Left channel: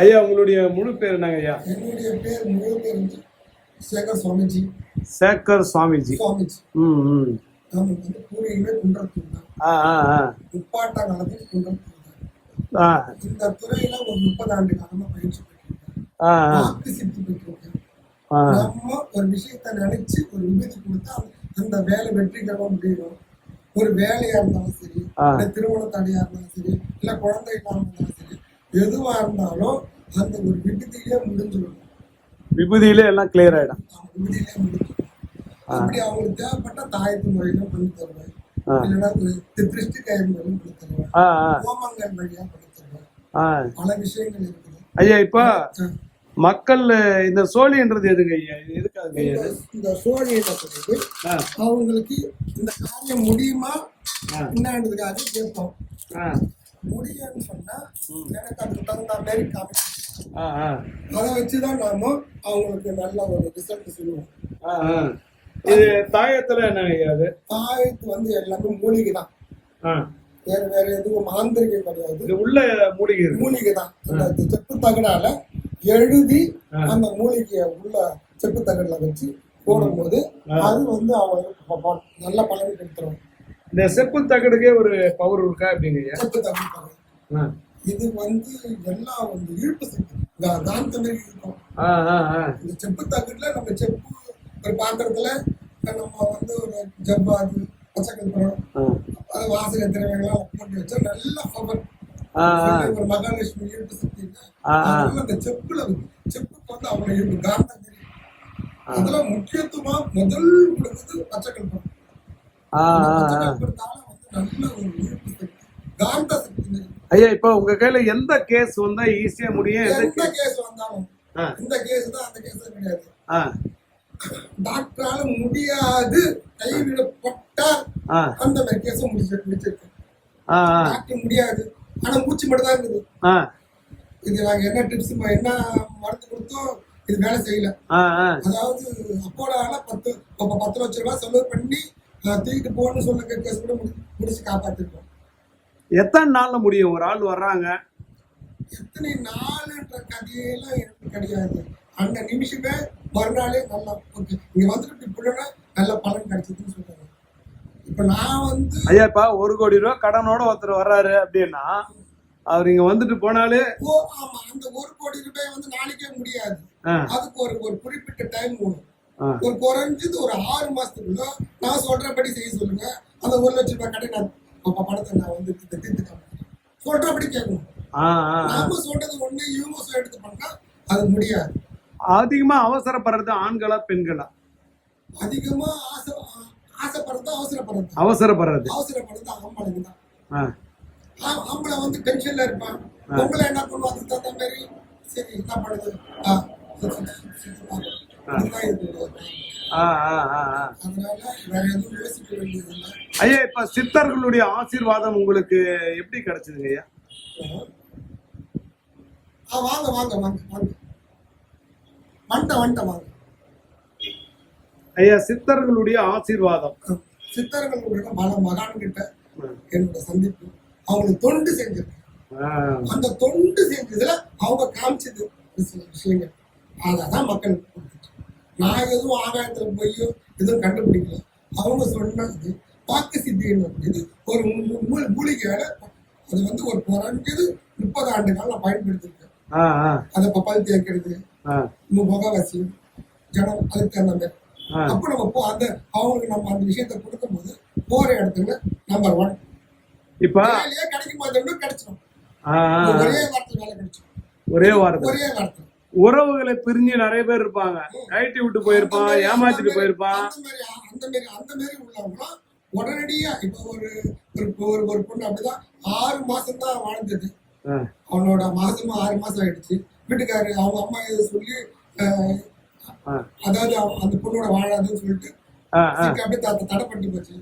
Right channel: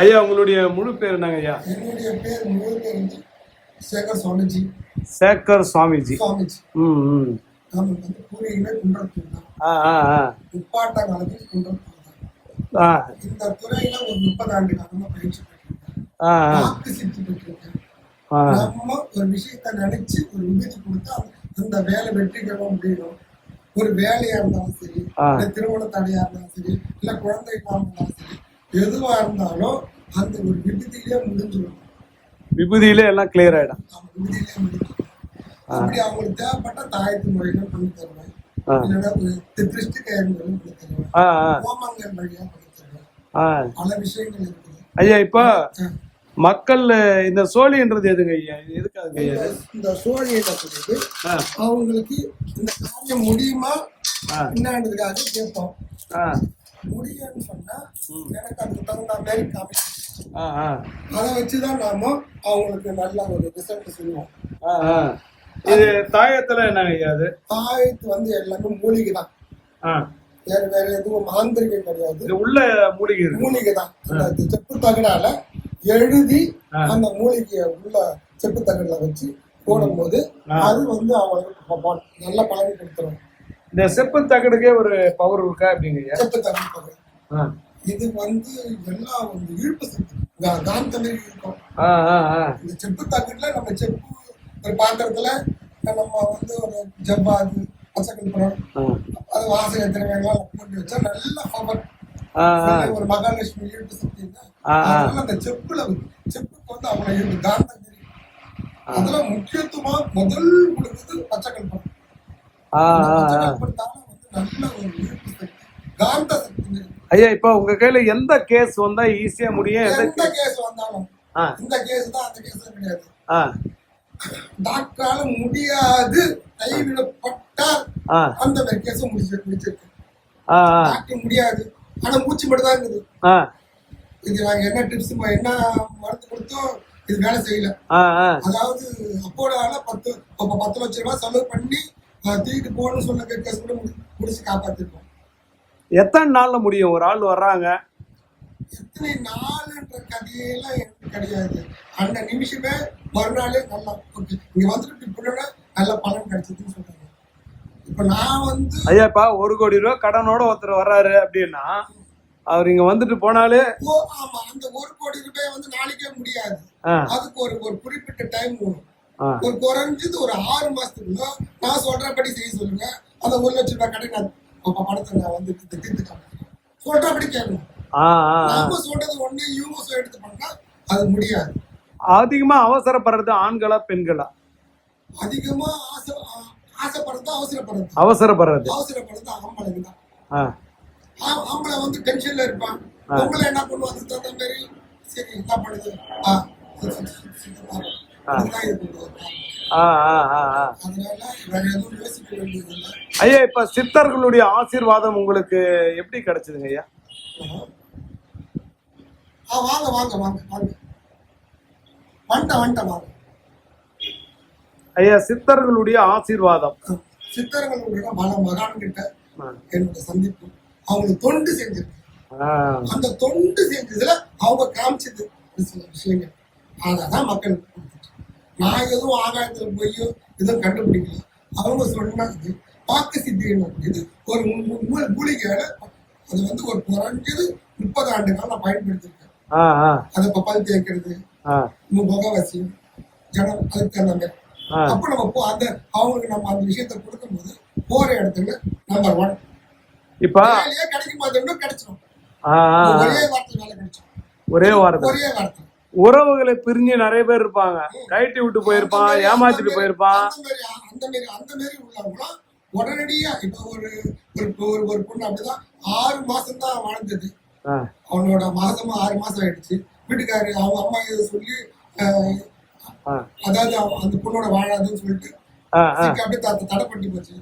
ஐயா உங்களுடைய முழு பேர் என்னங்க ஐயா? என்னுடைய பேர் முழு பேர் வந்து சேகர் சுவாமிஜி. சேகர் சுவாமிஜி. சுவாமிஜி. ம் ம். நாம வந்து பூர்வீகமே குன்றத்தூர் தான் ஆ ஆ ஆ. காலத்தில் குன்றத்தூர் தான் ஆ. இந்த துறையில ஒரு முப்பது ஆண்டு காலமா பயிற்சி ஆ சித்தி பெற்றிருக்கேன். நம்ம ஒரு விஷயத்த நினைச்சு ஒரு விபதி கொடுத்தா அந்த வேலை வெற்றிகரம் அப்படின்னும் ஒரு வேலையா இருந்தாலும் சரி. இல்ல திருமண தடையா இருந்தாலும் சரி இல்ல குழந்தை இல்லாம இருந்தாலும் சரி எதுவா இருந்தாலும் அந்த ஒரு விபத்திலேயே முடிஞ்சிடும். விபூதியிலே எல்லாம் கிளியர் ஆயிடும். அவங்க விபதியிலேயே முடிஞ்சிடும். அப்படி அவங்களுக்கு தேவைப்பட்ட தாயத்து முறைகளும் பண்ணி தருவேன். இல்லைன்னா திருஷ்டி கயங்களும் பண்ணி தருவேன். ஹோமங்கள் வழியா பண்ணி தருவேன். பல விஷயங்கள் இருக்குது. ஐயா இப்போ. மக்கள் இந்த சோழின்றது எதுங்க ஐயா? எதுக்காக இந்த- சோழியில சொல்லிட்டு அவங்களுக்கு இந்த காரியம் முடியுமா. என்னன்றதுக்காக கேட்போம். ஆ. முடியும்னு சொன்னா எனக்கு அதுக்கு தகுந்த மாதிரி அதை வச்சுதான் நாம அவங்களுக்கு நல்ல ஒரு ரிசல்ட் சொல்லுவோம். ஆ ஆ. இது தாயத்துல ஐயா அது தாயத்து வந்து எல்லாமே மூலிகை தான் வேற வேற எதுவும் மாந்திரிகம் கிடையாது. உள்ள மூலிகை மூலிகை தான் அந்த செப்பு தகடால எழுதி. அந்த மூலிகையை உள்ள செப்பு தகடுல வச்சு போடும்போது அது வந்து அவங்களுக்கு நல்ல பலன் கொடுத்துரும். இந்த செப்பு தகடுக்கே ஒரு பவர் இருக்கா அப்படிங்க செப்பு தகடு இது வந்து எல்லாம் வந்து ஈர்ப்பு சக்தி கா- காந்த மாதிரி இருக்கும். இந்த செப்பு தகட்டுல நம்ம செப்பு ஒரு பாத்திரத்துல நம்ம வந்து ஒரு ஜவ்வாது பச்சைக்கல்புரம் அது வாசனை திரவியங்கள் போட்டு வச்சா நல்ல பவர் ஒரு மகாலட்சுமி ஈர்ப்பு சக்தி இல்லை ஆ, ஆ. அதனால அந்த செப்புல செப்புக்கு வந்து அவ்வளவு ஈர்ப்பு காந்தம் தெரியும் அதுல முக்கியத்துவமா முதல் கொடுக்குறது பச்சைக்கல்புரம் ஐயா இப்போ உங்க கையில எந்த கேஸ் வந்தா ஈஸியா முடியும்? எந்த கேஸ் வந்தாலும் இந்த கேஸ் தான் அந்த கேஸ்ல கிடையாது. டாக்டரால முடியாது. கைவிடப்பட்டா அந்த மாதிரி கேஸ் முடிச்சு முடியாது. ஆனா மூச்சு மட்டும் தான் இருக்குது இது நாங்க என்ன டிப்ஸ் என்ன மருந்து கொடுத்தோம் இது வேலை செய்யல. அதாவது அப்போட பத்து பத்து லட்ச ரூபாய் செலவு பண்ணி தூக்கிட்டு போகணும்னு சொன்ன கேஸ் கூட முடி- முடிச்சு காப்பாத்திருக்கோம். எத்தனை நாள்ல முடியும்? ஒரு ஆள் வர்றாங்க. எத்தனை நாளுன்ற கதையெல்லாம் எனக்கு கிடையாது. அந்த நிமிஷமே மறுநாளே நல்லா இங்க வந்துட்டு இப்படின்னா நல்ல பலன் கிடைச்சதுன்னு சொல்றாங்க. இப்ப நான் வந்து ஐயா இப்ப ஒரு கோடி ரூபாய் கடனோட ஒருத்தர் வர்றாரு அப்படின்னா அவர் இங்க வந்துட்டு போனாலே ஆமா. அந்த ஒரு கோடி ரூபாய் வந்து நாளைக்கே முடியாது. அதுக்கு ஒரு ஒரு குறிப்பிட்ட டைம் வேணும். ஒரு குறைஞ்சது ஒரு ஆறு மாசத்துக்குள்ள நான் சொல்றபடி செய்ய சொல்லுங்க. அந்த ஒரு லட்சம் ரூபாய் கடை நான் பணத்தை நான் வந்து தீர்த்து காமிக்கிறேன் சொல்றபடி கேட்கணும். நாம சொல்றது ஒண்ணு இவங்க எடுத்து பண்ணா அது முடியாது. அதிகமா அவசரப்படுறது ஆண்களா பெண்களா? அதிகமா ஆசை ஆசைப்படுறது அவசரப்படுறது. அவசரப்படுறது. அவசரப்படுறது ஆம்பளைங்க தான். ஆம்பளை வந்து டென்ஷன்ல இருப்பான். பொம்பளை என்ன பண்ணுவா அதுக்கு தகுந்த மாதிரி. சரி என்ன பண்ணுது. ஐயா இப்ப சித்தர்களுடைய ஆசீர்வாதம் உங்களுக்கு எப்படி கிடைச்சதுங்க ஐயா? வாங்க வாங்க வாங்க வாங்க. வந்துட்ட வந்துட்ட வாங்க. ஐயா சித்தர்களுடைய ஆசீர்வாதம். சித்தர்களுடைய பல மகான் கிட்ட. என்னோட சந்திப்பு. அவங்களுக்கு தொண்டு செஞ்சிருக்கேன் ஆ. அந்த தொண்டு செஞ்சதுல அவங்க காமிச்சது சில விஷயங்கள். அதான் மக்கள் நான் எதுவும் ஆகாயத்துல போய் எதுவும் கண்டுபிடிக்கல. அவங்க சொன்னது வாக்கு சித்தி இது? ஒரு மு- மு- மூலிகையோட அது வந்து ஒரு குறைஞ்சது முப்பது ஆண்டு காலம் பயன்படுத்திருக்கேன். ஆ ஆ. அதை பப்பால் தேய்க்கிறது ஆ. முகவாசியம் ஜனம் அதுக்கு தகுந்த மாதிரி. அப்ப நம்ம போ அந்த அவங்களுக்கு நம்ம அந்த விஷயத்த கொடுக்கும்போது போற இடத்துல நம்பர் ஒன் இப்ப கிடைக்கும் கிடைச்சிடும். ஒரே வார்த்தை வேலை கிடைச்சிடும் ஒரே வாரத்தில். ஒரே வார்த்தை உறவுகளை பிரிஞ்சு நிறைய பேர் இருப்பாங்க. கைட்டி விட்டு போயிருப்பான் ஏமாத்திட்டு போயிருப்பான். அந்த மாதிரி அந்த மாதிரி உள்ளவங்களாம் உடனடியா இப்ப ஒரு ஒரு பொண்ணு அப்படிதான் ஆறு மாசம் தான் வாழ்ந்தது அவனோட மாசமா ஆறு மாசம் ஆயிடுச்சு. வீட்டுக்காரு அவங்க அம்மா இதை சொல்லி அதாவது அவ- அந்த பொண்ணோட வாழாதுன்னு சொல்லிட்டு அப்படியே தடை தடைப்பட்டு போச்சு.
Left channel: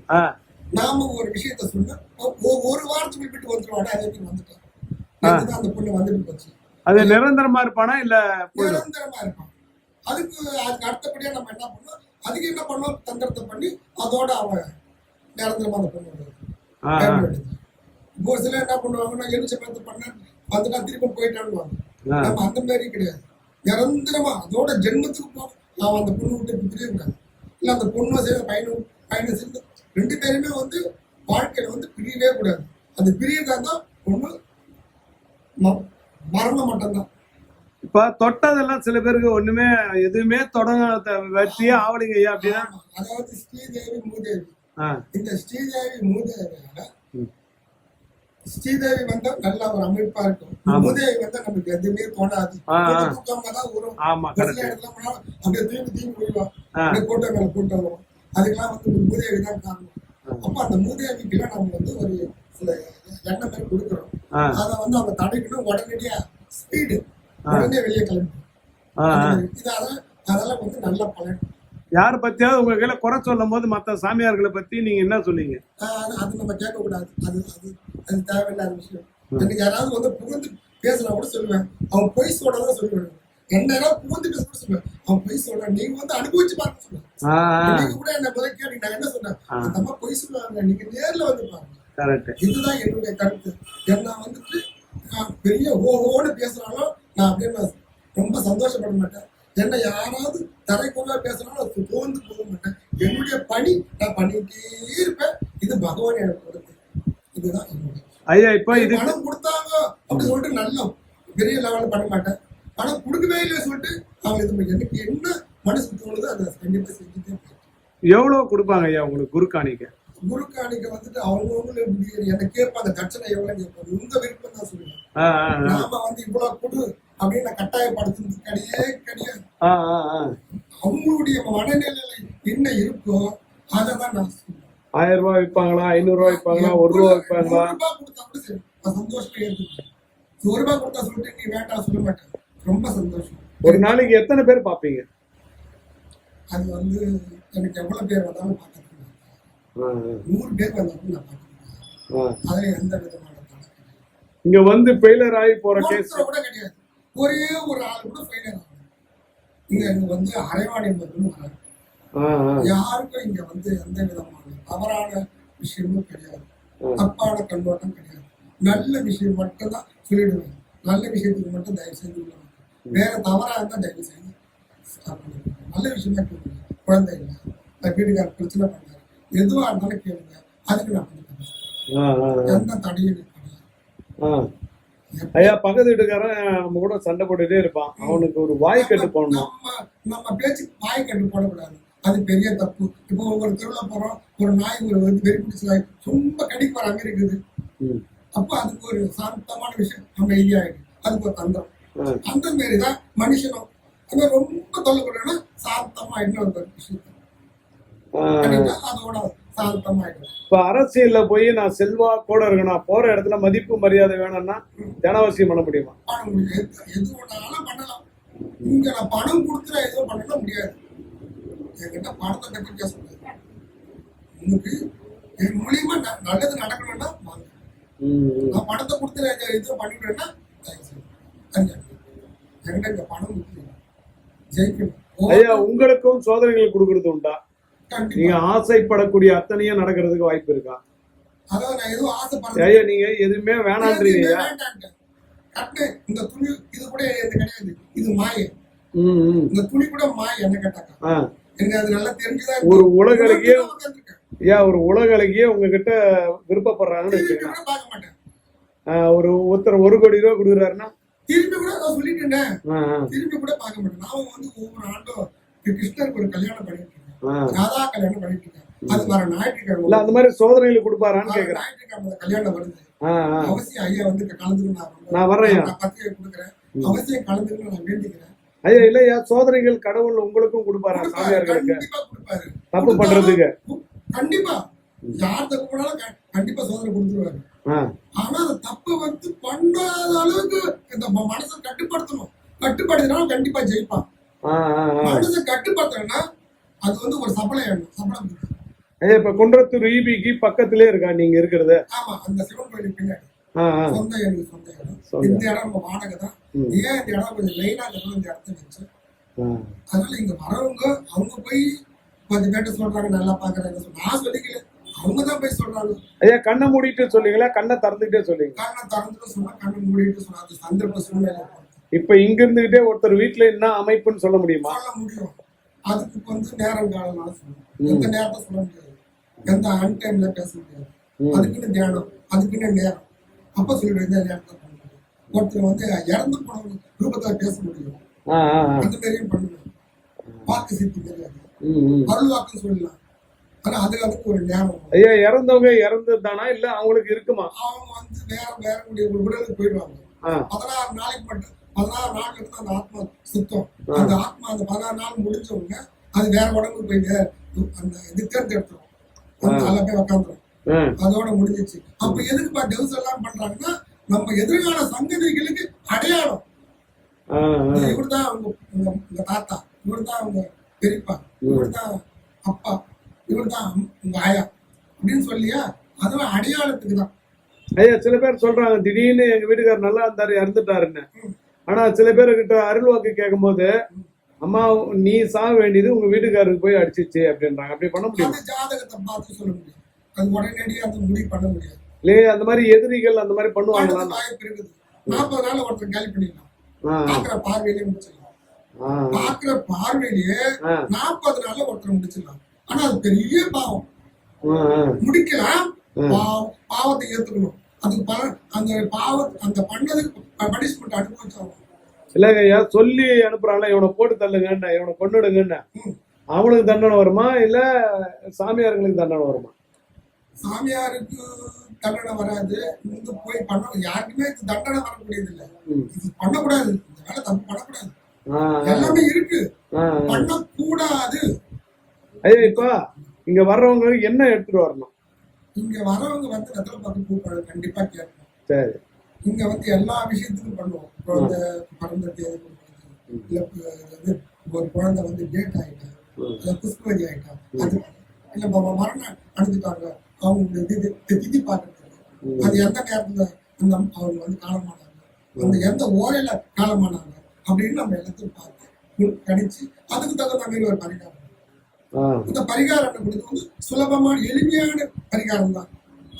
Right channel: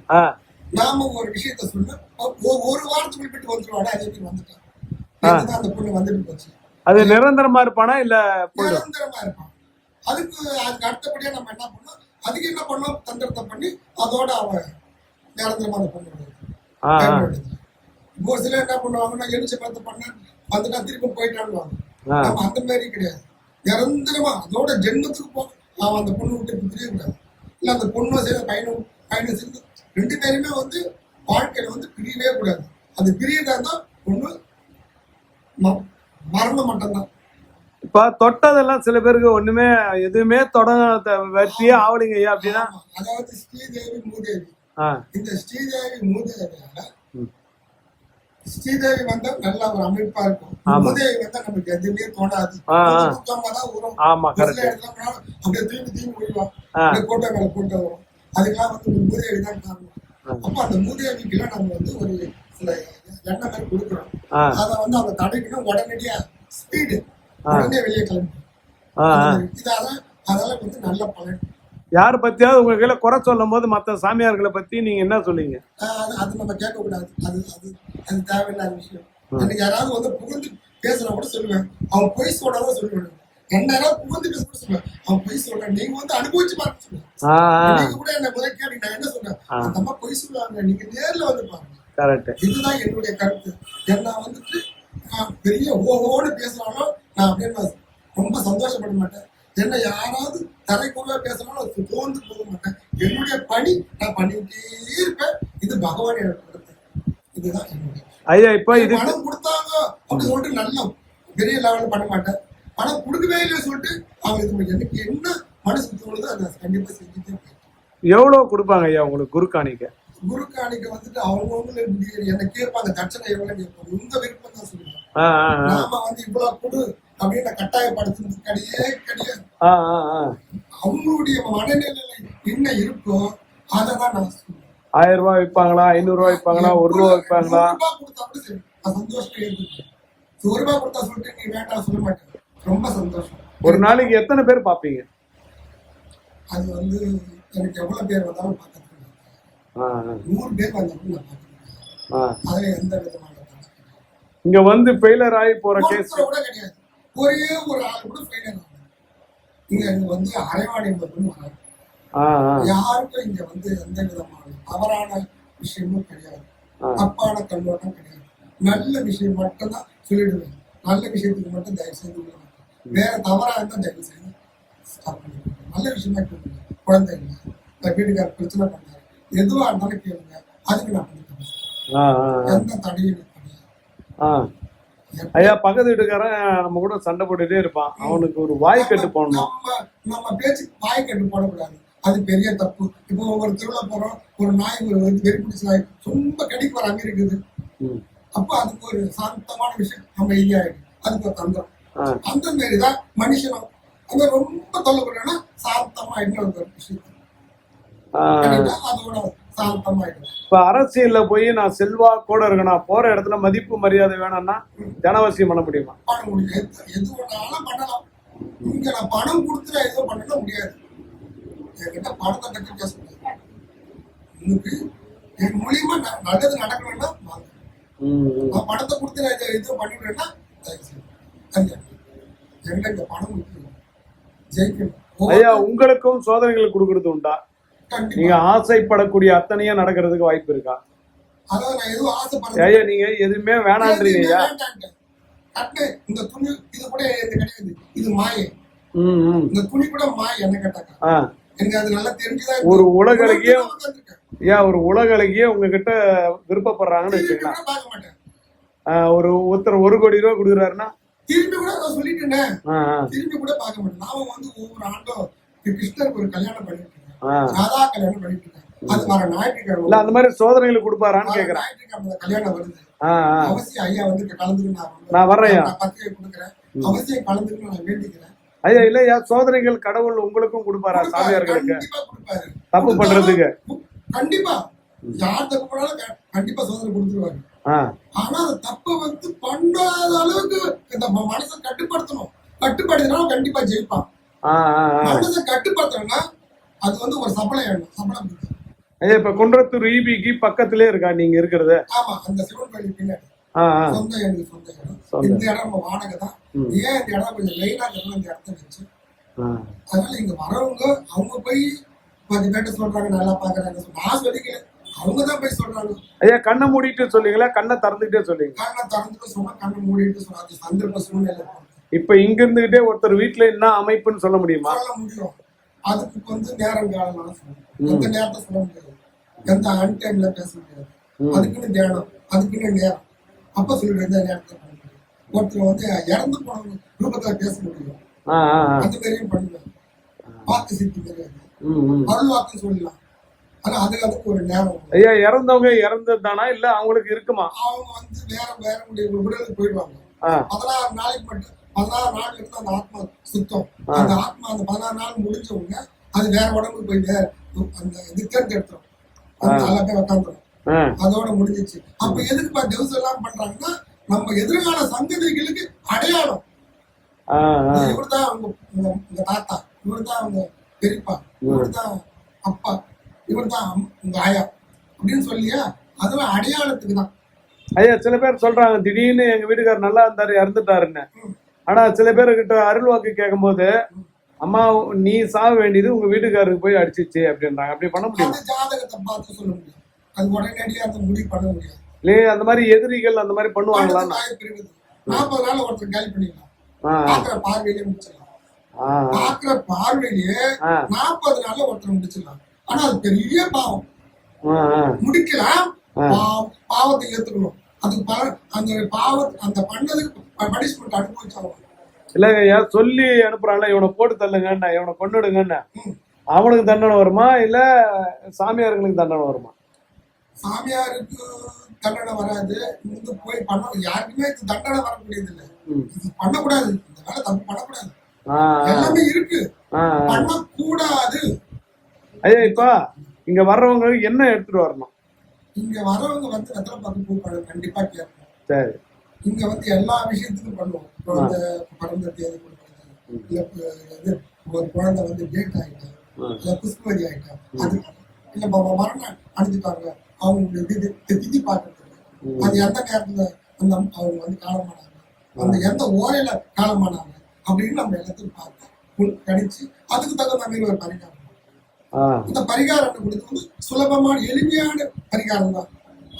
நாம ஒரு விஷயத்த சொன்ன ஒரு வாரத்துக்கு விட்டு வந்துருவாடா அதே வந்துட்டான் அந்த பொண்ணு வந்துட்டு போச்சு. அது நிரந்தரமா இருப்பானா இல்ல நிரந்தரமா இருப்பான். அதுக்கு அதுக்கு அடுத்தபடியா நம்ம என்ன பண்ணோம் அதுக்கு என்ன பண்ணோம் தந்திரத்தை பண்ணி அதோட அவன் நிரந்தரமா பொண்ணு. பயன்படுத்தி. இப்போ சிலர் என்ன பண்ணுவாங்கன்னா எலுச்ச பழத்தை பண்ண போயிட்டான்னு ஆ. நம்ம அந்த மாதிரி கிடையாது. நிரந்தரமா அதோட ஜென்மத்துக்கு போ நான் அந்த பொண்ணு விட்டு பிரியே கூடாது இல்ல அந்த பொண்ணும் சரி பையனும் பையனும் சேர்ந்து ரெண்டு பேருமே வந்து வாழ்க்கையில வந்து பிரியவே கூடாது. அந்த பிரியதா தான் ம- மரணம் மட்டும்தான். இப்ப தொட்டதெல்லாம் சில பேருக்கு ஒண்ணுமே எதுவுமே தொட வெற்றியே ஆவலிங்க ஐயா அப்படின்னா. அதாவது ஸ்ரீதேவி மூதேவி. இந்த ஸ்ரீதேவி மூதேவியால ம். ஸ்ரீதேவி வந்தா நல்ல ஒரு அமைப்பா இருக்கும். மூதேவி வந்தா நமக்கு எதுவுமே தோணாது. வரும். ஆமா கரெக்ட் அப்படியே முடியும் ஆ. அப்படியே கூட்டம் மேல கூட்டம் வரும். அதுக்கெல்லாம் வந்து மூதேவி தான் காரணம். அப்ப அந்த மூதேவிக்கெல்லாம் நம்ம வந்து ஒரு சில எண்ணெய் மாதிரி கொடுக்குறோம் அதை வந்து அவங்க தடைக்கணும். உடனடியா ஸ்பீடு. உடனே வெளியே கிளம்பி. இதால அதால வந்து நல்ல பலன். யார் பத்தியாவது உங்க கையில குறை சொல்லும் போது மத்த சாமியார்களை பத்தி நீங்க என்ன சொன்னீங்க? அது நம்ம கேட்கக்கூடாது. அது அது அது தேவையில்லாத விஷயம். எனக்கு யாராவது வந்து புகுந்து பேசுனா கூட சொல்லுவேன். அவன் பொய் சொல்றதான் சொல்லுவேன். என்ன புகுந்து பேச கூட சொல்லுவேன். அவன் பொய் சொல்றான் நீங்க வந்து அனுபவிச்சு பார்க்க சொல்லுவேன். கூட என்ன முதல் கேட்டு நான் என்ன சொன்னேன். அந்த அம்மா பொய் சொல்லுவாங்க. நீங்க நேர்ல வந்து பாருங்க. கரெக்ட். இதுதான் என்னுடைய கருத்து. என்ன வந்துட்டு நான் பெரிய ஓஹோன்னு பேசினாலும் நான் அப்படியே நான் ரொம்ப சந்தோஷப்பட மாட்டேன். என்ன யாராவது தரைக்குறவா பேசினாலும் அது தோந்து போக மாட்டேன். என்னுடைய பணி நான் பண்ணிட்டே இருப்பேன். இது பகவான் எனக்கு கொடுத்தது. இதுதான் என்னுடைய ஐயா இப்ப இது பணம் கொடுத்தாங்க அப்படி சொல்லிட்டு நல்ல பெரிய லெவல்ல பண்ண மாட்டேன். பணம் கொடுக்கவே இல்லை சொல்லிட்டு அவங்க இது எனக்கு என்ன மனசுக்கு தோணுதோ அதை கண்டிப்பா செஞ்சுட்டே எவ்வளவு கொடுப்பாங்க ஐயா உங்களுக்கு குரு காணிக்க குரு காணிக்க வந்துட்டு அவங்கவுங்களே என்ன கேட்பாங்க தட்சணை எவ்வளவு கேட்பாங்க உங்க விருப்பம் தான் சொல்லுவாங்க. நாம வந்து இவ்வளவு கொடு அப்படின்னு கட்டாயப்படுத்துறது கிடையவே கிடையாது. ஆ அவங்களுடைய மனநிலையில என்ன இருக்கோ அதை தான் நான் சொல்லுவேன் ஆயிரம் ரூபாய் விற்பாங்களா? ஐநூறு ரூபாய் விற்பாங்களா? ஒரு ரூபா விற்பாங்களா? சந்தோஷமா ஒரு ரூபாய் கொடுத்தா சொல்லிட்டு நீ வேண்டாம் சொல்ல மாட்டேன். ரொம்ப சந்தோஷம். ஒரு நாளைக்கு எத்தனை பேர் பாப்பீங்க அது வந்து எனக்கு எவ்வளவு பேர் வந்தாலும் பார்க்கறது ஆ, நூறு பேர் நான். அதுல எந்த விதமான. இங்க வந்து ஃபெயிலர் ஆகி போற கேஸ் கூட கிடையாது. ஒரே ஒரு ஆள் கூட ஃபெயிலியர் ஆகும் இங்க வந்து அரைவாணி மட்டும் யாருக்கும் இங்க வந்து எந்த விதமான தவறான விஷயமும் கிடையாது. தப்பான கண்ணோட்டம் கிடையாது. நல்ல விஷயம் மட்டும்தான் சொல்லிடுவேன். நல்ல விஷயத்துக்கு மட்டும் தயவு செய்து. வேற தவறா இருந்தா தயவு செய்து பண்ணிடுங்க. நல்ல விஷயமா கேளுங்க. குழந்தை இல்லை. வீட்டுக்கார பிரச்சனை பண்ணாரு எதுவா இருந்தாலும் கேளுங்க. அதுக்கு நான் பண்ணி தரேன். ஆ, ஆ, ஆ. எந்த தடையும் ஐயா பக்கத்து வீட்டுக்காரன் நம்ம கூட சண்டை போட்டுட்டே இருப்பான். அவனுக்கு ஒரு வாய் கட்டு போடணும். நம்ம பேச்சு வாய் கட்டு போடக்கூடாது. அது பெரிய தப்பு. இப்போ ஒரு திருவிழா போறோம். ஒரு நாய் ஒரு வெறி பிடிச்ச நாய் ரொம்ப கடிக்கு வர அங்க இருக்குது. அப்போ அதுக்கு ஒரு சாந்தமான விஷயம். நம்ம ஈஸியாயிடும் அதுக்கு ஒரு தந்திரம். அந்த மாரி தான் மனுஷனும். அந்த ரொம்ப தொல்லப்படுறேன்னா சாந்தமா இன்னொரு விஷயம் ஆ. பண்ணிட்டா அதோட சாந்தமாயிடும் இப்ப அரசியல்ல போய் நான் செல்வா கூட இருக்கணும் போற இடத்துல மதிப்பு மரியாதை வேணும்னா ஜனவசியம் பண்ண முடியுமா இங்க நான் பணம் கொடுத்து நான் எதுவும் பண்ண முடியாது. என்கிட்ட பணத்தை பத்தி பேச முடியாது. உனக்கு என் மூலியமா நல்லது நடக்கணும்னா நான் பணத்தை கொடுத்து நான் இதை எதுவும் பண்ணிவிடுறேன்னா. என்கிட்ட இந்த பணம் ஜெயிக்கணும். ஐயா உங்களுக்கும் சோதனைகள் கொடுக்கறது உண்டா? நீங்க ஆசைப்படக்கூடிய அத்தனையும் நடக்கிறதுக்கு வாய்ப்பு இருக்கா? ஐயா நீங்க எதுவுமே வேணான்றீங்க இந்த துணி இது கூட இது கிடையாது. இது மாயை. ம், ம். இந்த துணி கூட மாயை என்ன கேட்டாக்கா? ஆ. எனக்கு அது நல்லா தெரிஞ்சுதான் ஒரு உட்கார்ந்திருக்கேன். ஏன் ஒரு உலகளவியே உங்ககிட்ட விருப்பப்படுறாங்கன்னு வச்சுக்கலாம் ஒரு ஒருத்தர் ஒரு கோடி ரூபாய் கொடுக்குறாருன்னா? திரும்பி கூட நான் சொல்லிட்டேன். திரும்பி கூட பார்க்க மாட்டேன். நாம வந்து ஒவ்வொரு ஆண்டும் கிருஷ்ணருக்கு ஒரு கல்யாணம் பண்ணிட்டு. ராதா கல்யாணம் பண்ணிட்டு இருக்கேன் அது இல்ல ஞாயிற்றுக்கிழமை அந்த மாதிரி சோதனைகள் கொடுப்பாரான்னு கேக்குறேன். ஞாயிற்றுக்கிழமை கல்யாணம் வருது. அவசியம் ஐயா வந்து கலந்துக்கு நான். நான் பத்திரிகை கொடுக்குறேன். அவசியம் கலந்துக்கு நான் வேண்டிக்கிறேன். ஐயா இல்லையா? சோதனைகள் கடவுள் உங்களுக்கும் கொடுப்பாரா சாமியார்களுக்கு தப்பு பண்றதுக்கு? கண்டிப்பா. யார் தப்பு பண்ணாலும் கண்டிப்பா சோதனை கொடுத்துருவாரு. ஆ, ஆனா அந்த தப்பை வந்து பண்ணாத அளவுக்கு இந்த மனசை கட்டுப்படுத்தணும். கட்டுப்படுத்தினாலும் கண்டிப்பா ஜெயிப்பான். மனசை கட்டுப்படுத்தணும்னா அது வந்து ஒரு சபலம் வேணும் சபலம் இப்ப குன்றத்தூர் ஈபிக்கு பக்கத்திலே இருக்கா நீங்க இருக்கிறது? ஆமா அந்த சிவன் கோயிலுக்கு பின்னாடி. சொந்த எனக்கு சொந்த இடம். இந்த இடம் நம்ம வாடகை தான். ஏன் இந்த இடம் கொஞ்சம் மெயினா இருக்கணும் இந்த இடத்த வச்சு. அதனால இங்க வரவங்க அவங்க போய் கொஞ்சம் பேட்ட சொல்றாங்க நல்லா பாக்குறாங்க நான் சொல்லிக்கல. அவங்க தான் போய் சொல்றாங்க. ஐயா கண்ணை மூடிட்டு சொன்னீங்களா கண்ணை திறந்துட்டே சொன்னீங்க கண்ணை திறந்துட்டு சொன்னா கண்ணை மூடிட்டு சொன்னா அது சந்தர்ப்ப சூழ்நிலை. இப்ப இங்க இருந்துகிட்டே ஒருத்தர் வீட்டுல என்ன அமைப்புன்னு சொல்ல முடியுமா? சொல்ல முடியும். அதுக்கு வந்து நேரம் காலம் சொல்லணும் எந்த நேரத்தை சொல்ல முடியாது. எந்த அன் டைம்ல பேச முடியாது. அதுக்குன்னு தியானம் அதுக்குன்னு நேரம். அப்ப சொல்லிட்டு எந்த நேரத்தை ஒருத்தர் வந்து இறந்து போன ரூபத்துல பேச முடியும். அந்த மாதிரியும் பண்ணுவேன் வாக்கு சித்தி கிடையாது. அருள் சொல்லலாம். ஆனா அதுக்கு அதுக்கு ஒரு நேரம். ஐயா இறந்தவங்க இறந்ததுதானா? இல்ல அவங்களுக்கு இருக்குமா? அவங்க வந்து வேற வேற முடிய உடலுக்கு போயிடுவாங்க. பதினாறு நாளைக்கு மட்டும் பதினாறு நாள் இருந்து அந்த ஆத்மா சுத்தம். அந்த ஆத்மா அந்த பதினாறு நாள் உடனே அது வேற உடம்புக்கு போய் வேற அந்த இது தேர்ந்தெடுத்துரும் அந்த உக்காந்துரும். ஆ, அதோட முடிஞ்சிச்சு. அப்ப எதுக்கு டெவஸ் எல்லாம் பண்றாங்கன்னா நம்ம எதிர்கால சங்கதிகளுக்கு அடையாளம். இவர்தான் அவங்க உங்க தாத்தா இவர்தான் அவங்க பெரியப்பா இவர்தான் அப்பா இவர்தான் உங்க ஆயா அப்படின்னு சொல்லியா அதெல்லாம் அடையாளத்துக்கு தான். ஐயா சில பேர் சொல்றாங்க திடீர்னு எங்க வீட்டுக்காரர் நல்லா இருந்தாரு இறந்துட்டாருன்னு. ஆனா சில பேர் கிட்ட அருள் வாக்கு கேட்கும்போது அம்மா நீ சாக வேண்டியது உங்க வீட்டுக்காரருக்கு போய் அடிச்சிச்சு அப்படின்றாங்க. அப்படி பண்ண முடியும்? அந்த ஜாதகத்தை பார்த்து சொல்ல முடியும். அது உடனடியாக அந்த முடிவு பண்ண முடியாது. இல்லையே அந்த மாதிரி எதிரிகள் அந்த மாதிரி பண்ணுவாங்களா? நாற்பது நாள் ஒருத்தர் காலி பண்ணிக்கலாம் ஆ, பாக்குற பார்வையிலே முடிச்சிடலாம். ஆ, பாக்குற பார்வையிலேயே நாற்பது நாள்ல ஒருத்தர் முடிச்சிடலாம். ஆனா அது பெரிய பாவம். முடிக்கலாம். பாவம் பாவத்தை ஏத்துக்கணும். அதுக்கு அந்த பாவ அந்த பண்ணதுக்கு பனிஷ்மெண்ட் அனுபவிச்சாகும் இல்லைங்க ஐயா சொல்லி அனுப்புறான்ல இவனை போட்டு தள்ளுங்கண்ணா இவனை கொண்டுடுங்கண்ணா. அவனுக்கு தண்டனை வருமா இல்ல சாமியாருங்களுக்கு தண்டனை வருமா? சாமியாருக்கு தண்டனை வராது வந்து போய் பண்ண யாருக்குமே இது தண்டனை வரக்கூடியது இல்லை. இது பண்ணக்கூடாது. இந்த வேலை தப்பு பண்ணக்கூடாது. எல்லாமே இருக்கு. பண்ணக்கூடாது. ஐயா இப்ப இங்க வர்றவங்களுக்கு என்ன எடுத்துட்டு வரணும்? இங்க வரவங்க வந்து வெத்தலை பார்த்து கண்டிப்பா கேட்கணும். சரி. இங்க வந்து எல்லா விஷயத்துக்கும் பண்ணுவோம். குழந்தை பிறந்த தேதி கொடுக்கறது ஒரு குழந்தை வந்து டேட் ஆயிட்டா. இல்ல புஷ்பவதி ஆயிட்டா அது இல்ல மரணம் அடைஞ்சிட்டாங்க அவங்களுடைய திதி பார்க்கறது. அது எந்த நேரத்துல அந்த அவங்க வந்து காலமானாங்க அந்த எந்த ஓரையில காலமானாங்க அப்படின்னு நம்ம எல்லாத்தையும் பார்த்து உள் கணிச்சு அதுக்கு தகுந்த மாதிரி ஒரு பரிகாரம் இந்த பரிகாரம் கொடுத்து வந்து சுலபமான எளிமையான பரிகாரம் தான்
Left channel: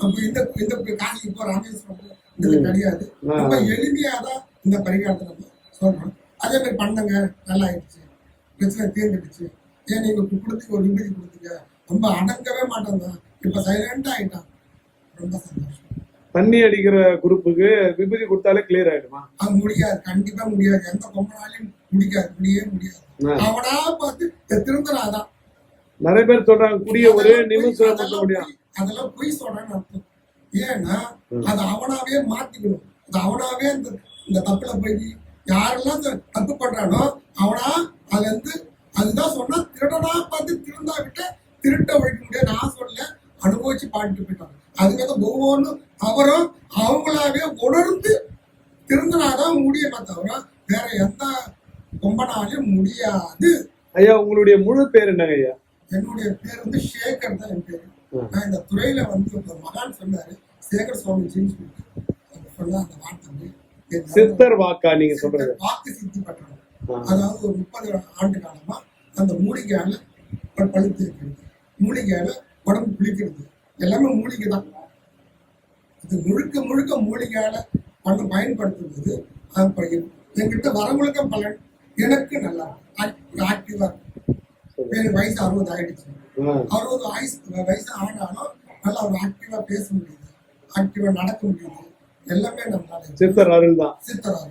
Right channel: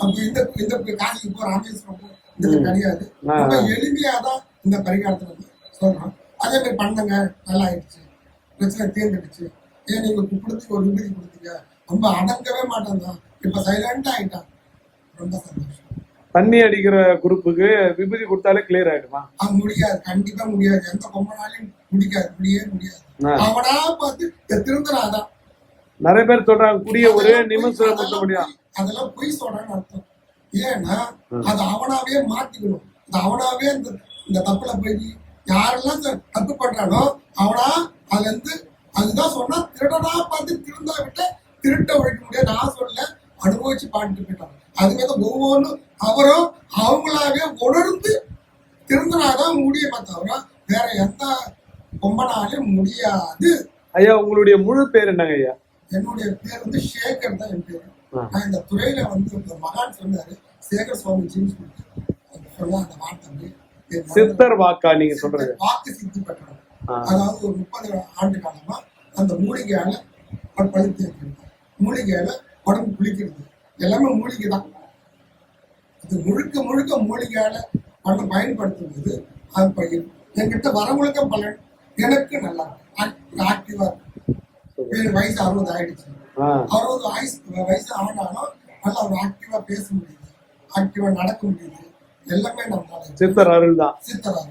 அப்ப இந்த இந்த காசிக்கு போ ராமேஸ்வரம் போ இதுல கிடையாது. ரொம்ப எளிமையா தான் இந்த பரிகாரத்தை நம்ம சொல்றோம். அதே மாதிரி பண்ணுங்க நல்லா ஆயிடுச்சு. பிரச்சனை தீர்ந்துடுச்சு. ஏன் நீங்க கொடுத்து ஒரு விபதி கொடுத்தீங்க? ரொம்ப அடங்கவே மாட்டான் தான். இப்ப சைலண்டா ஆயிட்டான். ரொம்ப சந்தோஷம். தண்ணி அடிக்கிற குரூப்புக்கு விபூதி கொடுத்தாலே கிளியர் ஆயிடுமா? அது முடியாது. கண்டிப்பா முடியாது. எந்த பொம்மனாலையும் முடிக்காது. முடியவே முடியாது. அவனா பார்த்து திருந்தனாதான் நிறைய பேர் சொல்றாங்க குடிய ஒரே நிமிஷம் அதெல்லாம் பொய், அதெல்லாம் பொய் சொல்றான்னு அர்த்தம். ஏன்னா அது அவனாவே மாத்திக்கணும். அது அவனாவே இந்த இந்த தப்புல போய் யாரெல்லாம் தப்பு பண்றானோ அவனா அதுல இருந்து அதுதான் சொன்னா திருடனா பார்த்து திருந்தா விட்டு திருட்ட ஒழிக்க முடியாது. நான் சொல்ல அனுபவிச்சு பாடிட்டு போயிட்டான். அதுவே தான் ஒவ்வொன்றும் அவரும் அவங்களாவே உணர்ந்து திருந்தினாதான் முடியுமே தவிர வேற எந்த பொம்மனாலையும் முடியாது. ஐயா உங்களுடைய முழு பேர் என்னங்க ஐயா? என்னுடைய பேர் வந்து சேகர் தான் என் பேரு. நான் இந்த துறையில வந்து இந்த மகான் சொன்னாரு சேகர் சுவாமிஜின்னு சொல்லிட்டு. அவர் சொன்ன அந்த வார்த்தை சித்தர் வாக்கா நீங்க சொல்றது? வாக்கு சித்தி பெற்றவர் ஆ. அதாவது ஒரு முப்பது ஆண்டு காலமா அந்த மூலிகையால பழுத்து வைக்கிறது மூலிகையால உடம்பு குளிக்கிறது. எல்லாமே மூலிகை தான் இது முழுக்க முழுக்க மூலிகையால பண்ண பயன்படுத்தும்போது அது ப- என்கிட்ட வரவங்களுக்கு பலன். எனக்கு நல்லா ஆக்டிவா வயசு அறுபது ஆயிடுச்சு. அறுபது வயசு வயசு ஆனாலும் நல்லா ஒரு ஆக்டிவா பேச முடியுது. ஆக்டிவா நடக்க முடியுது. எல்லாமே நம்மளால சித்தர் அருள் தான் சித்தராக